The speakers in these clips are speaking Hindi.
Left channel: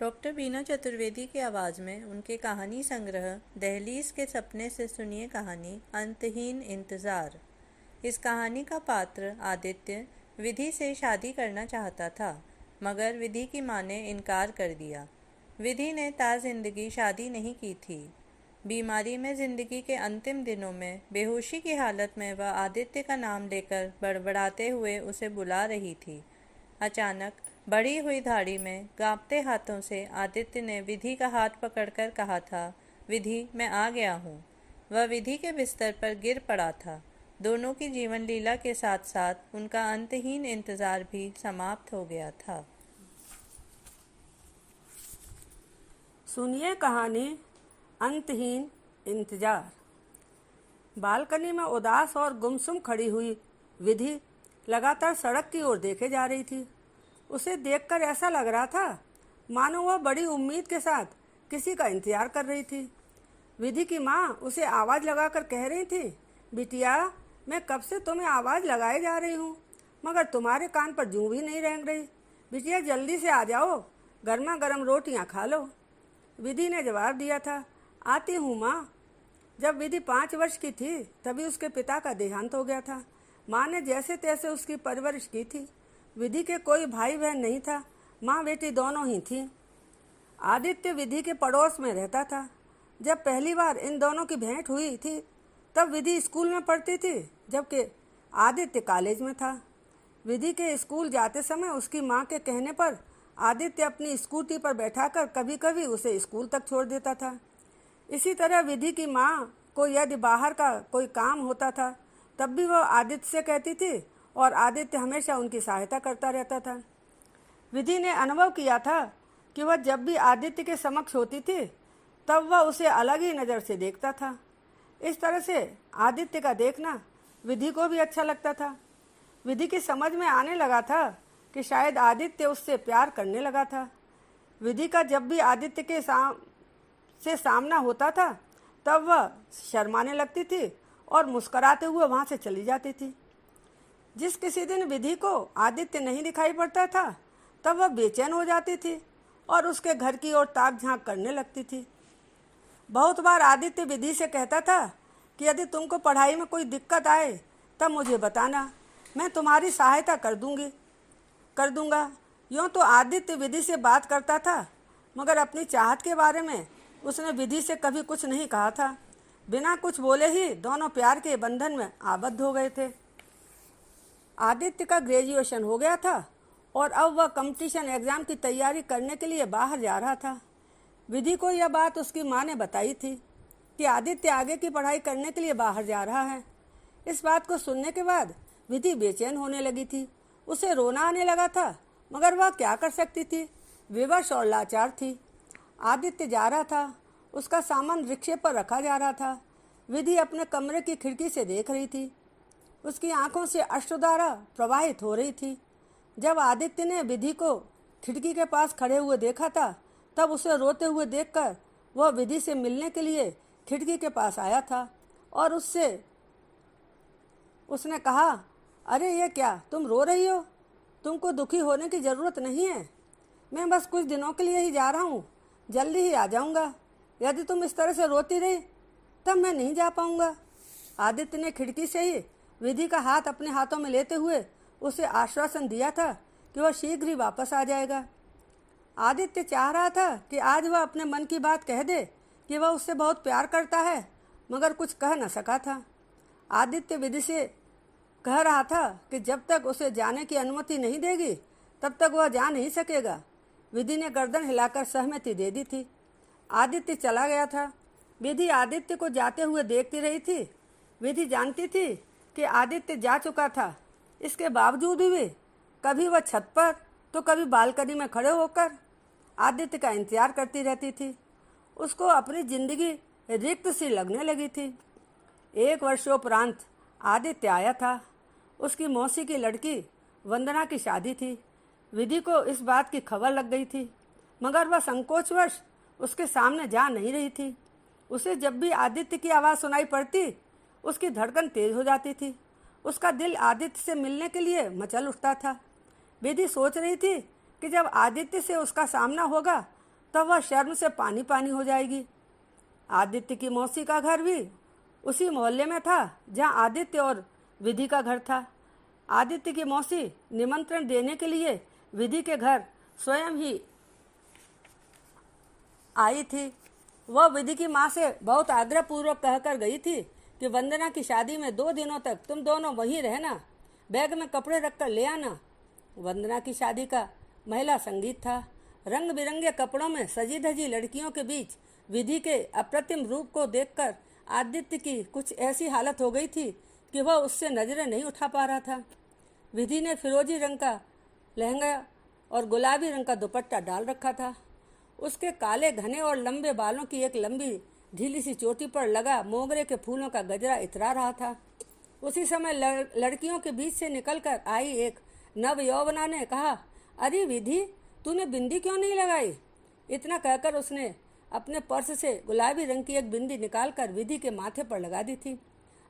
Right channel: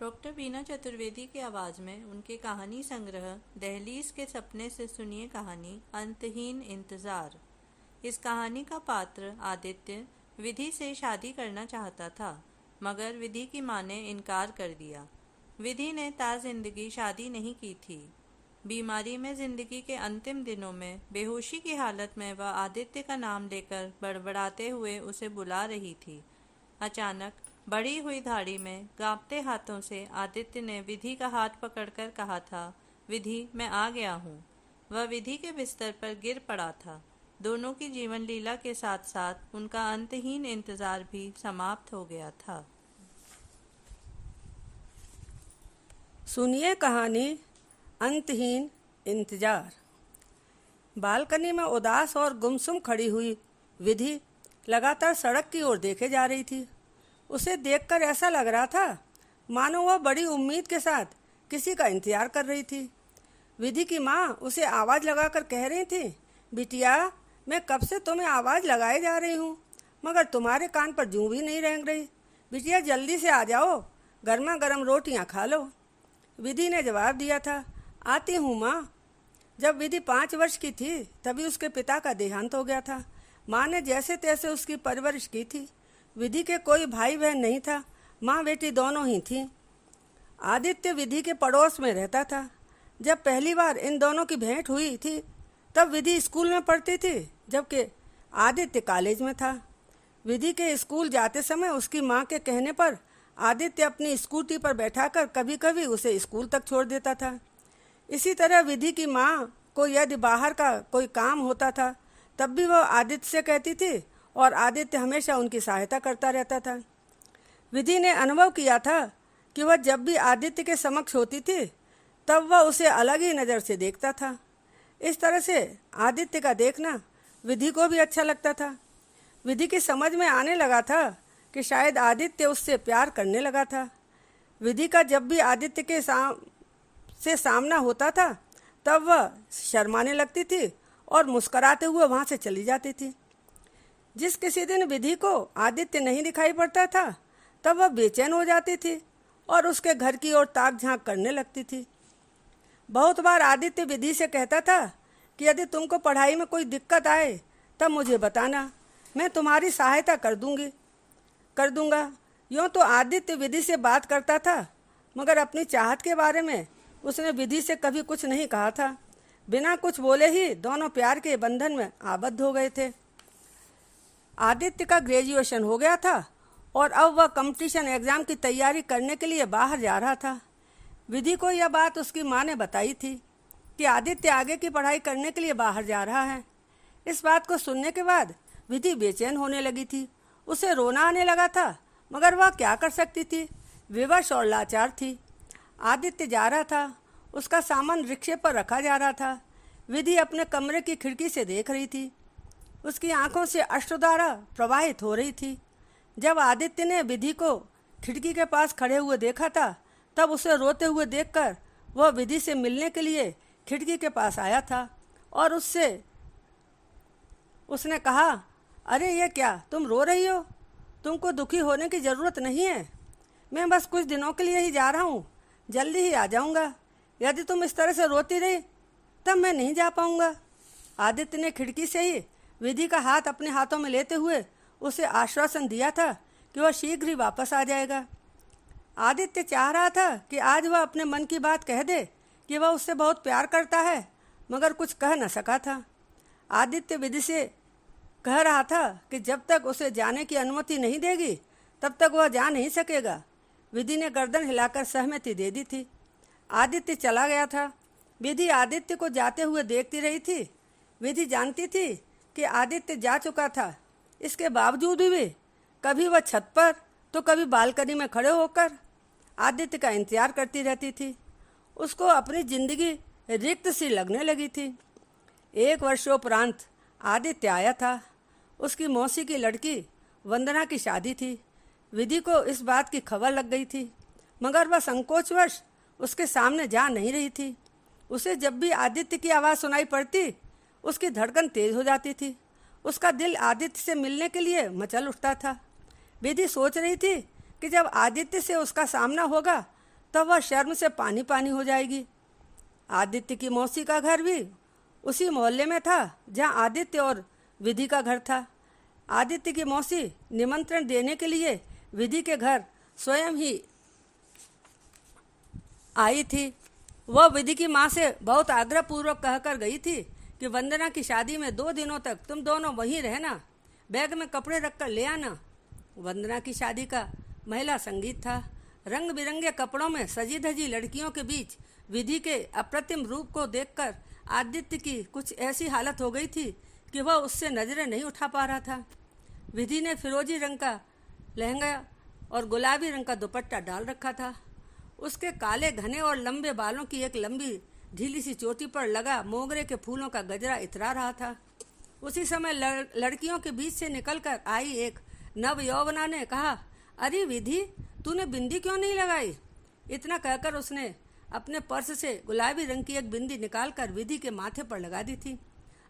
डॉक्टर बीना चतुर्वेदी की आवाज़ में उनके कहानी संग्रह दहलीज के सपने से सुनिए कहानी अंतहीन इंतज़ार। इस कहानी का पात्र आदित्य विधि से शादी करना चाहता था, मगर विधि की माँ ने इनकार कर दिया। विधि ने जिंदगी शादी नहीं की थी। बीमारी में जिंदगी के अंतिम दिनों में बेहोशी की हालत में वह आदित्य का नाम लेकर बड़बड़ाते हुए उसे बुला रही थी। अचानक बढ़ी हुई धाड़ी में कांपते हाथों से आदित्य ने विधि का हाथ पकड़कर कहा था, विधि, मैं आ गया हूँ। वह विधि के बिस्तर पर गिर पड़ा था। दोनों की जीवन लीला के साथ साथ उनका अंतहीन इंतजार भी समाप्त हो गया था। सुनिए कहानी अंतहीन इंतजार। बालकनी में उदास और गुमसुम खड़ी हुई विधि लगातार सड़क की ओर देखे जा रही थी। उसे देखकर ऐसा लग रहा था मानो वह बड़ी उम्मीद के साथ किसी का इंतजार कर रही थी। विधि की माँ उसे आवाज़ लगाकर कह रही थी, बिटिया, मैं कब से तुम्हें आवाज़ लगाए जा रही हूँ, मगर तुम्हारे कान पर जूं भी नहीं रेंग रही। बिटिया, जल्दी से आ जाओ, गर्मा गर्म रोटियाँ खा लो। विधि ने जवाब दिया था, आती हूँ माँ। जब विधि 5 वर्ष की थी तभी उसके पिता का देहांत हो गया था। माँ ने जैसे तैसे उसकी परवरिश की थी। विधि के कोई भाई बहन नहीं था, माँ बेटी दोनों ही थीं। आदित्य विधि के पड़ोस में रहता था। जब पहली बार इन दोनों की भेंट हुई थी तब विधि स्कूल में पढ़ती थी, जबकि आदित्य कॉलेज में था। विधि के स्कूल जाते समय उसकी माँ के कहने पर आदित्य अपनी स्कूटी पर बैठाकर कभी कभी उसे स्कूल तक छोड़ देता था। इसी तरह विधि की माँ को यदि बाहर का कोई काम होता था तब भी वह आदित्य से कहती थी और आदित्य हमेशा उनकी सहायता करता रहता था। विधि ने अनुभव किया था कि वह जब भी आदित्य के समक्ष होती थी तब वह उसे अलग ही नज़र से देखता था। इस तरह से आदित्य का देखना विधि को भी अच्छा लगता था। विधि की समझ में आने लगा था कि शायद आदित्य उससे प्यार करने लगा था। विधि का जब भी आदित्य के सामना होता था तब वह शर्माने लगती थी और मुस्कुराते हुए वहाँ से चली जाती थी। जिस किसी दिन विधि को आदित्य नहीं दिखाई पड़ता था तब वह बेचैन हो जाती थी और उसके घर की ओर ताक झांक करने लगती थी। बहुत बार आदित्य विधि से कहता था कि यदि तुमको पढ़ाई में कोई दिक्कत आए तब मुझे बताना, मैं तुम्हारी सहायता कर दूंगा। यूँ तो आदित्य विधि से बात करता था, मगर अपनी चाहत के बारे में उसने विधि से कभी कुछ नहीं कहा था। बिना कुछ बोले ही दोनों प्यार के बंधन में आबद्ध हो गए थे। आदित्य का ग्रेजुएशन हो गया था और अब वह कंपटीशन एग्ज़ाम की तैयारी करने के लिए बाहर जा रहा था। विधि को यह बात उसकी माँ ने बताई थी कि आदित्य आगे की पढ़ाई करने के लिए बाहर जा रहा है। इस बात को सुनने के बाद विधि बेचैन होने लगी थी। उसे रोना आने लगा था, मगर वह क्या कर सकती थी, विवश और लाचार थी। आदित्य जा रहा था, उसका सामान रिक्शे पर रखा जा रहा था। विधि अपने कमरे की खिड़की से देख रही थी। उसकी आंखों से अश्रुधारा प्रवाहित हो रही थी। जब आदित्य ने विधि को खिड़की के पास खड़े हुए देखा था तब उसे रोते हुए देखकर वह विधि से मिलने के लिए खिड़की के पास आया था और उसने कहा, अरे ये क्या, तुम रो रही हो? तुमको दुखी होने की ज़रूरत नहीं है। मैं बस कुछ दिनों के लिए ही जा रहा हूँ, जल्दी ही आ जाऊँगा। यदि तुम इस तरह से रोती रही तब मैं नहीं जा पाऊँगा। आदित्य ने खिड़की से ही विधि का हाथ अपने हाथों में लेते हुए उसे आश्वासन दिया था कि वह शीघ्र ही वापस आ जाएगा। आदित्य चाह रहा था कि आज वह अपने मन की बात कह दे कि वह उससे बहुत प्यार करता है, मगर कुछ कह न सका था। आदित्य विधि से कह रहा था कि जब तक उसे जाने की अनुमति नहीं देगी तब तक वह जा नहीं सकेगा। विधि ने गर्दन हिलाकर सहमति दे दी थी। आदित्य चला गया था। विधि आदित्य को जाते हुए देखती रही थी। विधि जानती थी कि आदित्य जा चुका था। इसके बावजूद भी कभी वह छत पर तो कभी बालकनी में खड़े होकर आदित्य का इंतजार करती रहती थी। उसको अपनी जिंदगी रिक्त सी लगने लगी थी। 1 वर्षोपरांत आदित्य आया था। उसकी मौसी की लड़की वंदना की शादी थी। विधि को इस बात की खबर लग गई थी, मगर वह संकोचवश उसके सामने जा नहीं रही थी। उसे जब भी आदित्य की आवाज़ सुनाई पड़ती उसकी धड़कन तेज हो जाती थी। उसका दिल आदित्य से मिलने के लिए मचल उठता था। विधि सोच रही थी कि जब आदित्य से उसका सामना होगा तब वह शर्म से पानी पानी हो जाएगी। आदित्य की मौसी का घर भी उसी मोहल्ले में था जहां आदित्य और विधि का घर था। आदित्य की मौसी निमंत्रण देने के लिए विधि के घर स्वयं ही आई थी। वह विधि की माँ से बहुत आग्रहपूर्वक कहकर गई थी कि वंदना की शादी में 2 दिनों तक तुम दोनों वहीं रहना, बैग में कपड़े रखकर ले आना। वंदना की शादी का महिला संगीत था। रंग बिरंगे कपड़ों में सजी धजी लड़कियों के बीच विधि के अप्रतिम रूप को देखकर आदित्य की कुछ ऐसी हालत हो गई थी कि वह उससे नजरें नहीं उठा पा रहा था। विधि ने फिरोजी रंग का लहंगा और गुलाबी रंग का दुपट्टा डाल रखा था। उसके काले घने और लंबे बालों की एक लंबी ढीली सी चोटी पर लगा मोगरे के फूलों का गजरा इतरा रहा था। उसी समय लड़कियों के बीच से निकलकर आई एक नव यौवना ने कहा, अरे विधि, तूने बिंदी क्यों नहीं लगाई? इतना कहकर उसने अपने पर्स से गुलाबी रंग की एक बिंदी निकालकर विधि के माथे पर लगा दी थी।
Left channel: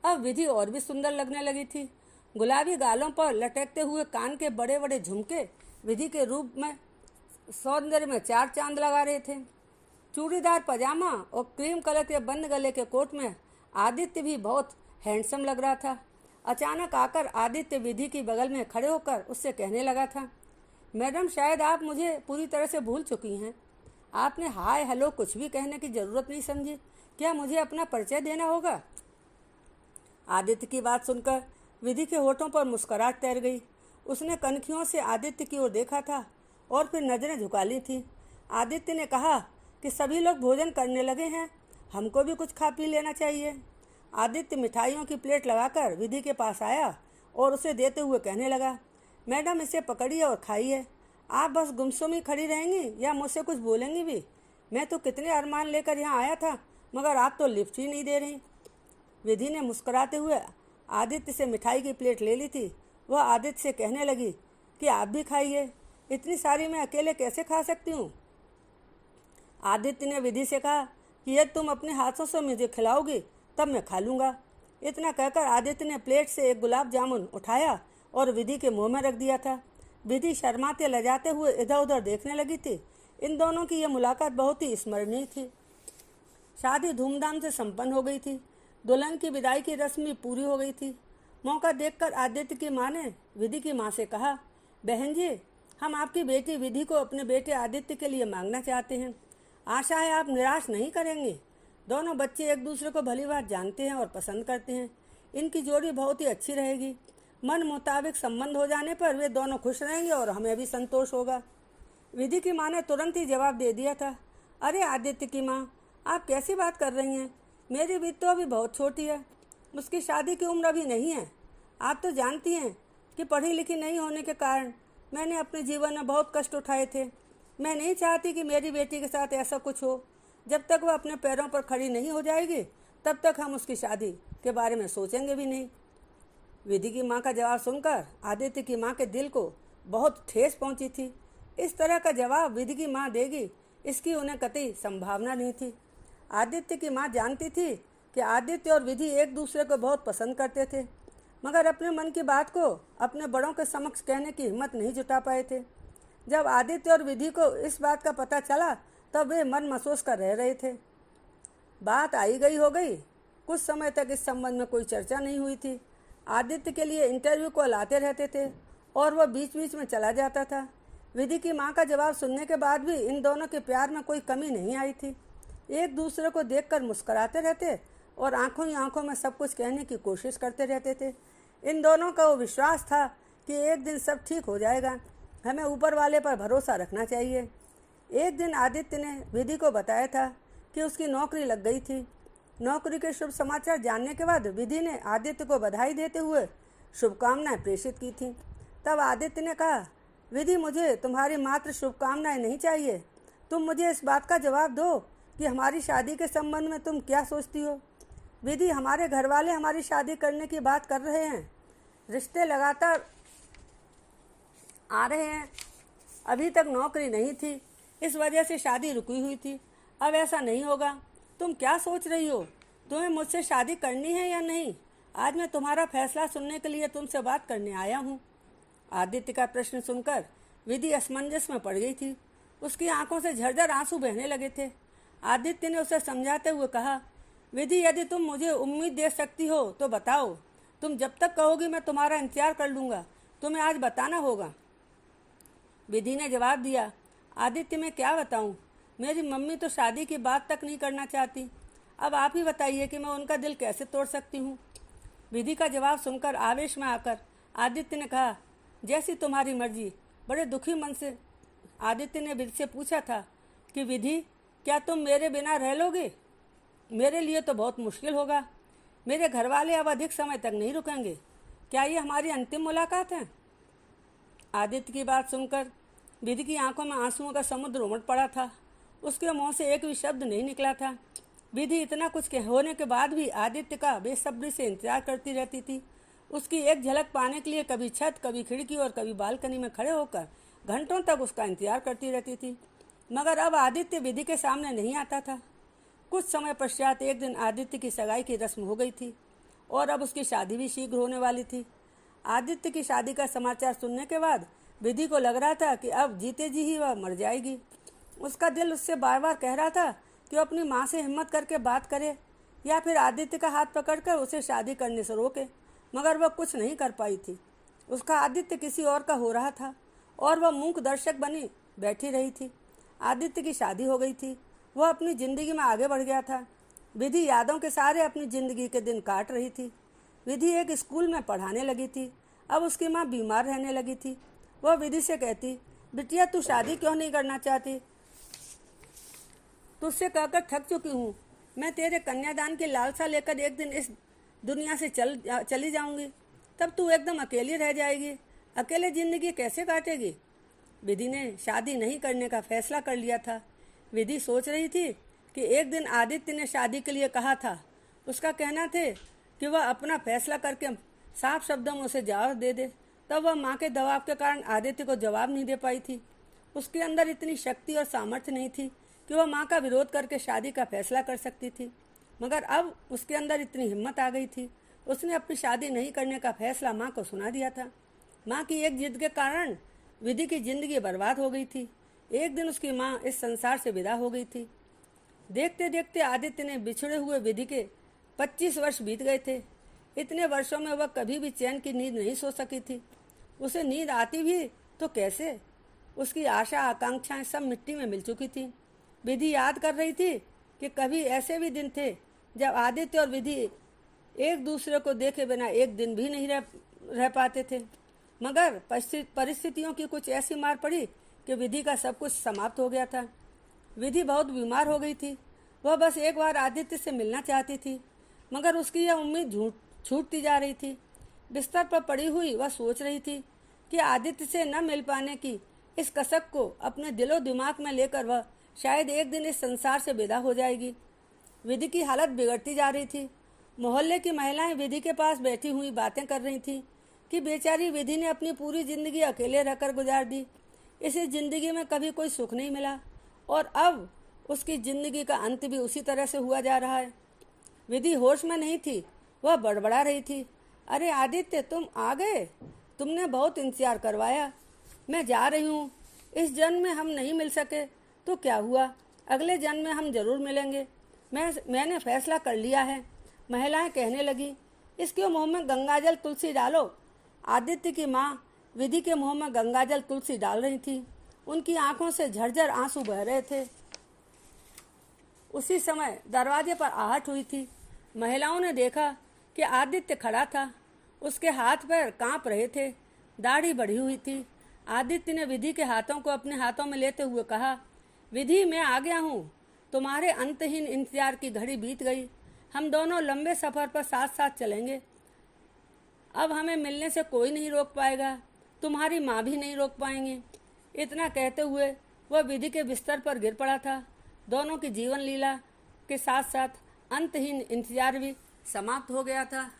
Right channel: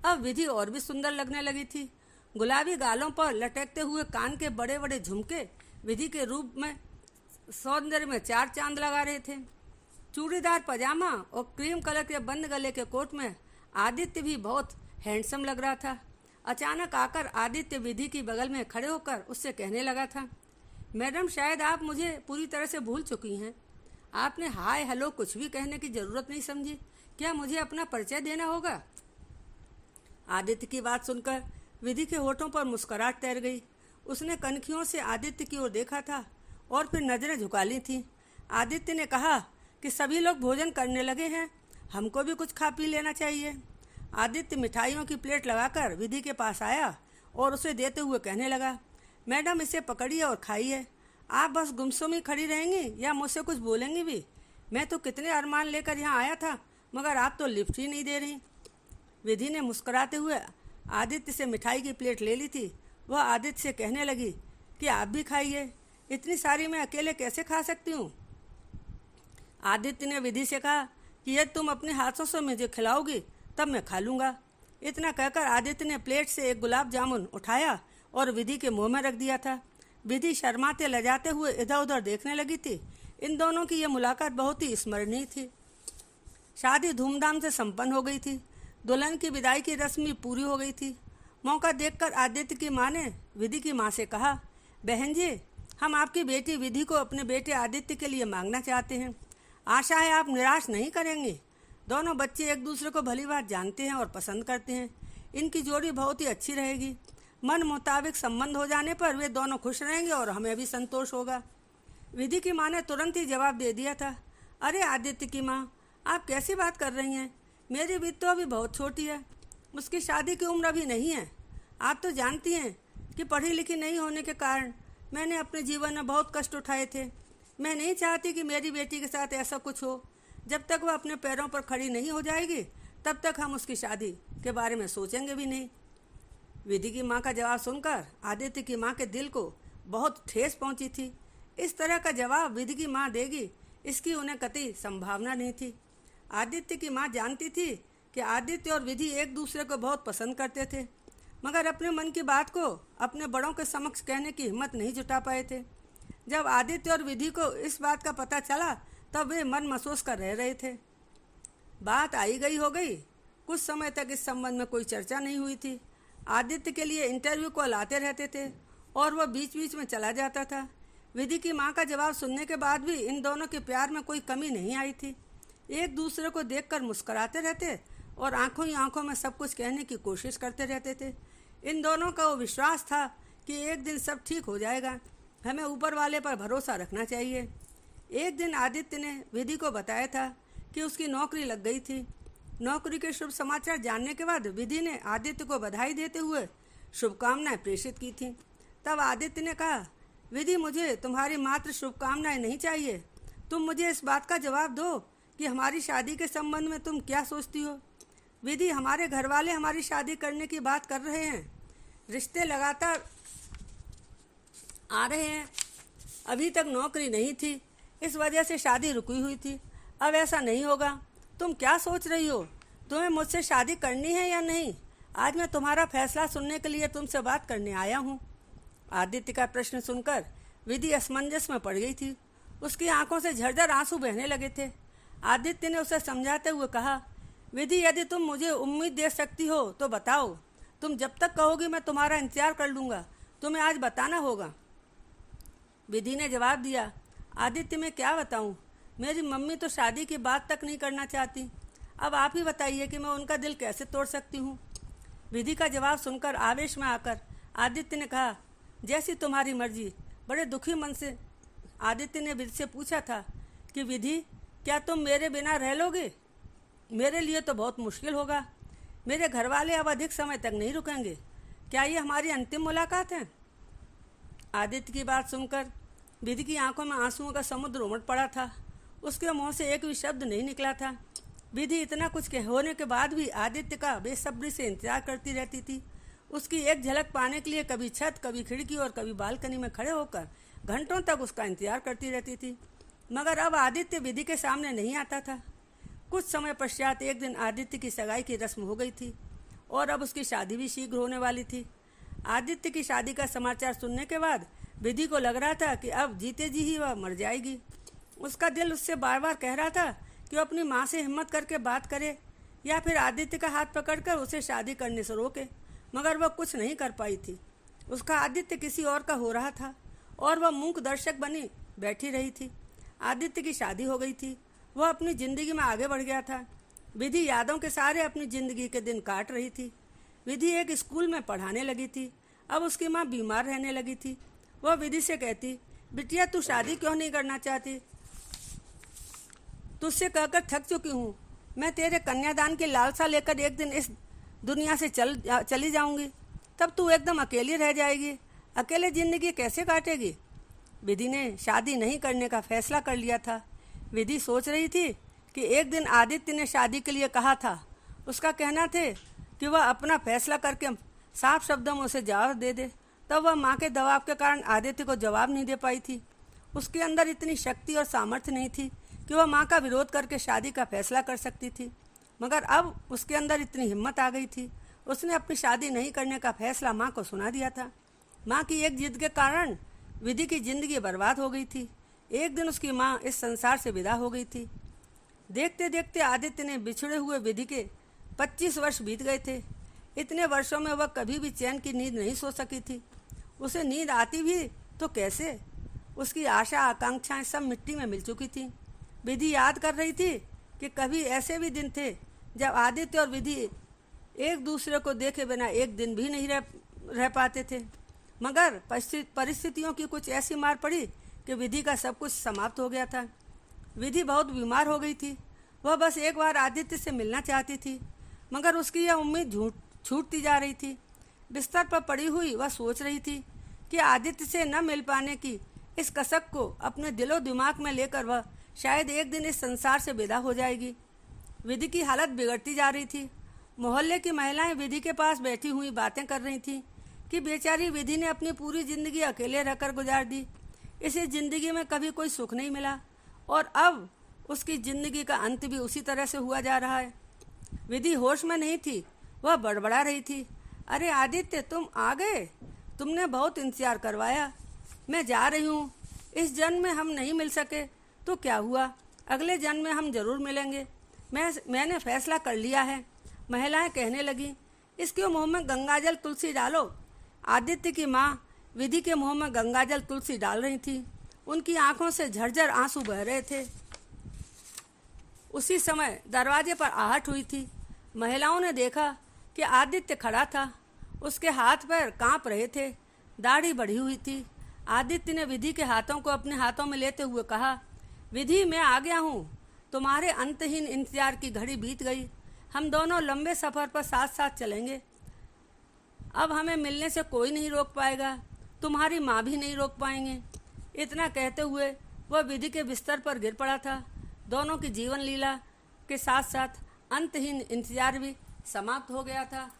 अब विधि और भी सुंदर लगने लगी थी। गुलाबी गालों पर लटकते हुए कान के बड़े बड़े झुमके विधि के रूप में सौंदर्य में 4 चांद लगा रहे थे। चूड़ीदार पजामा और क्रीम कलर के बंद गले के कोट में आदित्य भी बहुत हैंडसम लग रहा था। अचानक आकर आदित्य विधि की बगल में खड़े होकर उससे कहने लगा था, मैडम, शायद आप मुझे पूरी तरह से भूल चुकी हैं। आपने हाय हेलो कुछ भी कहने की जरूरत नहीं समझी। क्या मुझे अपना परिचय देना होगा? आदित्य की बात सुनकर विधि के होठों पर मुस्कुराहट तैर गई। उसने कनखियों से आदित्य की ओर देखा था और फिर नजरें झुका ली थी। आदित्य ने कहा कि सभी लोग भोजन करने लगे हैं, हमको भी कुछ खा पी लेना चाहिए। आदित्य मिठाइयों की प्लेट लगाकर विधि के पास आया और उसे देते हुए कहने लगा, मैडम, इसे पकड़िए और खाइए। आप बस गुमसुम ही खड़ी रहेंगी या मुझसे कुछ बोलेंगी भी? मैं तो कितने अरमान लेकर यहाँ आया था, मगर आप तो लिफ्ट ही नहीं दे रही। विधि ने मुस्कुराते हुए आदित्य से मिठाई की प्लेट ले ली थी। वह आदित्य से कहने लगी कि आप भी खाइए, इतनी सारी मैं अकेले कैसे खा सकती हूँ? आदित्य ने विधि से कहा कि यदि तुम अपने हाथों से मुझे खिलाओगी तब मैं खा लूँगा। इतना कहकर आदित्य ने प्लेट से एक गुलाब जामुन उठाया और विधि के मुंह में रख दिया था। विधि शर्माते लजाते हुए इधर उधर देखने लगी थी। इन दोनों की यह मुलाकात बहुत ही स्मरणीय थी। शादी धूमधाम से संपन्न हो गई थी। दुल्हन की विदाई की रस्म भी पूरी हो गई थी। मौका देखकर आदित्य की माँ ने विधि की माँ से कहा, बहन जी, हम आपकी बेटी विधि को अपने बेटे आदित्य के लिए मांगना चाहते हैं। आशा है आप निराश नहीं करेंगे। दोनों बच्चे एक दूसरे को भली बात जानते हैं और पसंद करते हैं। इनकी जोड़ी बहुत ही अच्छी रहेगी। मन मुताबिक संबंध हो जाने पर वे दोनों खुश रहेंगे और हमें भी संतोष होगा। विधि की माँ ने तुरंत ही जवाब दे दिया था, अरे आदित्य की माँ, आप कैसी बात कर रही हैं? मेरी विधि तो अभी बहुत छोटी है, उसकी शादी की उम्र अभी नहीं है। आप तो जानती हैं कि पढ़ी लिखी नहीं होने के कारण मैंने अपने जीवन में बहुत कष्ट उठाए थे। मैं नहीं चाहती कि मेरी बेटी के साथ ऐसा कुछ हो। जब तक वह अपने पैरों पर खड़ी नहीं हो जाएगी तब तक हम उसकी शादी के बारे में सोचेंगे भी नहीं। विधि की माँ का जवाब सुनकर आदित्य की माँ के दिल को बहुत ठेस पहुँची थी। इस तरह का जवाब विधि की माँ देगी इसकी उन्हें कतई संभावना नहीं थी। आदित्य की माँ जानती थी कि आदित्य और विधि एक दूसरे को बहुत पसंद करते थे, मगर अपने मन की बात को अपने बड़ों के समक्ष कहने की हिम्मत नहीं जुटा पाए थे। जब आदित्य और विधि को इस बात का पता चला तब वे मन महसूस कर रह रहे थे। बात आई गई हो गई। कुछ समय तक इस संबंध में कोई चर्चा नहीं हुई थी। आदित्य के लिए इंटरव्यू कॉल आते रहते थे और वह बीच बीच में चला जाता था। विधि की माँ का जवाब सुनने के बाद भी इन दोनों के प्यार में कोई कमी नहीं आई थी। एक दूसरे को देखकर मुस्कुराते रहते और आंखों ही आंखों में सब कुछ कहने की कोशिश करते रहते थे। इन दोनों का वो विश्वास था कि एक दिन सब ठीक हो जाएगा, हमें ऊपर वाले पर भरोसा रखना चाहिए। एक दिन आदित्य ने विधि को बताया था कि उसकी नौकरी लग गई थी। नौकरी के शुभ समाचार जानने के बाद विधि ने आदित्य को बधाई देते हुए शुभकामनाएं प्रेषित की थी। तब आदित्य ने कहा, विधि, मुझे तुम्हारी मात्र शुभकामनाएं नहीं चाहिए। तुम मुझे इस बात का जवाब दो कि हमारी शादी के संबंध में तुम क्या सोचती हो। विधि, हमारे घर वाले हमारी शादी करने की बात कर रहे हैं। रिश्ते लगातार आ रहे हैं। अभी तक नौकरी नहीं थी, इस वजह से शादी रुकी हुई थी। अब ऐसा नहीं होगा। तुम क्या सोच रही हो? तुम्हें मुझसे शादी करनी है या नहीं? आज मैं तुम्हारा फैसला सुनने के लिए तुमसे बात करने आया हूँ। आदित्य का प्रश्न सुनकर विधि असमंजस में पड़ गई थी। उसकी आंखों से झरझर आंसू बहने लगे थे। आदित्य ने उसे समझाते हुए कहा, विधि, यदि तुम मुझे उम्मीद दे सकती हो तो बताओ। तुम जब तक कहोगी मैं तुम्हारा इंतजार कर लूँगा। तुम्हें आज बताना होगा। विधि ने जवाब दिया, आदित्य, मैं क्या बताऊँ? मेरी मम्मी तो शादी की बात तक नहीं करना चाहती। अब आप ही बताइए कि मैं उनका दिल कैसे तोड़ सकती हूँ। विधि का जवाब सुनकर आवेश में आकर आदित्य ने कहा, जैसी तुम्हारी मर्जी। बड़े दुखी मन से आदित्य ने विधि से पूछा था कि विधि, क्या तुम मेरे बिना रह लोगे? मेरे लिए तो बहुत मुश्किल होगा। मेरे घर वाले अब अधिक समय तक नहीं रुकेंगे। क्या ये हमारी अंतिम मुलाकात है? आदित्य की बात सुनकर विधि की आंखों में आंसुओं का समुद्र उमड़ पड़ा था। उसके मुंह से एक भी शब्द नहीं निकला था। विधि इतना कुछ होने के बाद भी आदित्य का बेसब्री से इंतजार करती रहती थी। उसकी एक झलक पाने के लिए कभी छत, कभी खिड़की और कभी बालकनी में खड़े होकर घंटों तक उसका इंतजार करती रहती थी। मगर अब आदित्य विधि के सामने नहीं आता था। कुछ समय पश्चात एक दिन आदित्य की सगाई की रस्म हो गई थी और अब उसकी शादी भी शीघ्र होने वाली थी। आदित्य की शादी का समाचार सुनने के बाद विधि को लग रहा था कि अब जीते जी ही वह मर जाएगी। उसका दिल उससे बार बार कह रहा था कि वो अपनी माँ से हिम्मत करके बात करे या फिर आदित्य का हाथ पकड़कर उसे शादी करने से रोके, मगर वह कुछ नहीं कर पाई थी। उसका आदित्य किसी और का हो रहा था और वह मूक दर्शक बनी बैठी रही थी। आदित्य की शादी हो गई थी। वह अपनी ज़िंदगी में आगे बढ़ गया था। विधि यादों के सारे अपनी ज़िंदगी के दिन काट रही थी। विधि एक स्कूल में पढ़ाने लगी थी। अब उसकी माँ बीमार रहने लगी थी। वह विधि से कहती, बिटिया, तू शादी क्यों नहीं करना चाहती? तुझसे कहकर थक चुकी हूँ। मैं तेरे कन्यादान की लालसा लेकर एक दिन इस दुनिया से चली जाऊंगी। तब तू एकदम अकेली रह जाएगी। अकेले ज़िंदगी कैसे काटेगी? विधि ने शादी नहीं करने का फैसला कर लिया था। विधि सोच रही थी कि एक दिन आदित्य ने शादी के लिए कहा था। उसका कहना थे कि वह अपना फैसला करके साफ शब्दों में उसे जवाब दे दे। तब वह माँ के दबाव के कारण आदित्य को जवाब नहीं दे पाई थी। उसके अंदर इतनी शक्ति और सामर्थ्य नहीं थी कि वह माँ का विरोध करके शादी का फैसला कर सकती थी। मगर अब उसके अंदर इतनी हिम्मत आ गई थी। उसने अपनी शादी नहीं करने का फैसला माँ को सुना दिया था। माँ की एक जिद के कारण विधि की जिंदगी बर्बाद हो गई थी। एक दिन उसकी माँ इस संसार से विदा हो गई थी। देखते देखते आदित्य ने बिछड़े हुए विधि के 25 वर्ष बीत गए थे। इतने वर्षों में वह कभी भी चैन की नींद नहीं सो सकी थी। उसे नींद आती भी तो कैसे? उसकी आशा आकांक्षाएं सब मिट्टी में मिल चुकी थी। विधि याद कर रही थी कि कभी ऐसे भी दिन थे जब आदित्य और विधि एक दूसरे को देखे बिना एक दिन भी नहीं रह पाते थे। मगर परिस्थितियों की कुछ ऐसी मार पड़ी कि विधि का सब कुछ समाप्त हो गया था। विधि बहुत बीमार हो गई थी। वह बस एक बार आदित्य से मिलना चाहती थी, मगर उसकी यह उम्मीद छूटती जा रही थी। बिस्तर पर पड़ी हुई वह सोच रही थी कि आदित्य से न मिल पाने की इस कसक को अपने दिलो दिमाग में लेकर वह शायद एक दिन इस संसार से विदा हो जाएगी। विधि की हालत बिगड़ती जा रही थी। मोहल्ले की महिलाएं विधि के पास बैठी हुई बातें कर रही थी कि बेचारी विधि ने अपनी पूरी जिंदगी अकेले रहकर गुजार दी। इसे जिंदगी में कभी कोई सुख नहीं मिला और अब उसकी जिंदगी का अंत भी उसी तरह से हुआ जा रहा है। विधि होश में नहीं थी। वह बड़बड़ा रही थी, अरे आदित्य, तुम आ गए। तुमने बहुत इंतजार करवाया। मैं जा रही हूँ। इस जन्म में हम नहीं मिल सके तो क्या हुआ, अगले जन्म में हम जरूर मिलेंगे। मैंने फैसला कर लिया है। महिलाएं कहने लगी, इसके मुंह में गंगाजल तुलसी डालो। आदित्य की माँ विधि के मुंह में गंगाजल तुलसी डाल रही थी। उनकी आंखों से झरझर आंसू बह रहे थे। उसी समय दरवाजे पर आहट हुई थी। महिलाओं ने देखा कि आदित्य खड़ा था। उसके हाथ पैर कांप रहे थे, दाढ़ी बढ़ी हुई थी। आदित्य ने विधि के हाथों को अपने हाथों में लेते हुए कहा, विधि, मैं आ गया हूँ। तुम्हारे अंतहीन इंतजार की घड़ी बीत गई। हम दोनों लंबे सफर पर साथ साथ चलेंगे। अब हमें मिलने से कोई नहीं रोक पाएगा। तुम्हारी माँ भी नहीं रोक पाएंगे। इतना कहते हुए वह विधि के बिस्तर पर गिर पड़ा था। दोनों की जीवन लीला के साथ साथ अंतहीन इंतजार भी समाप्त हो गया था।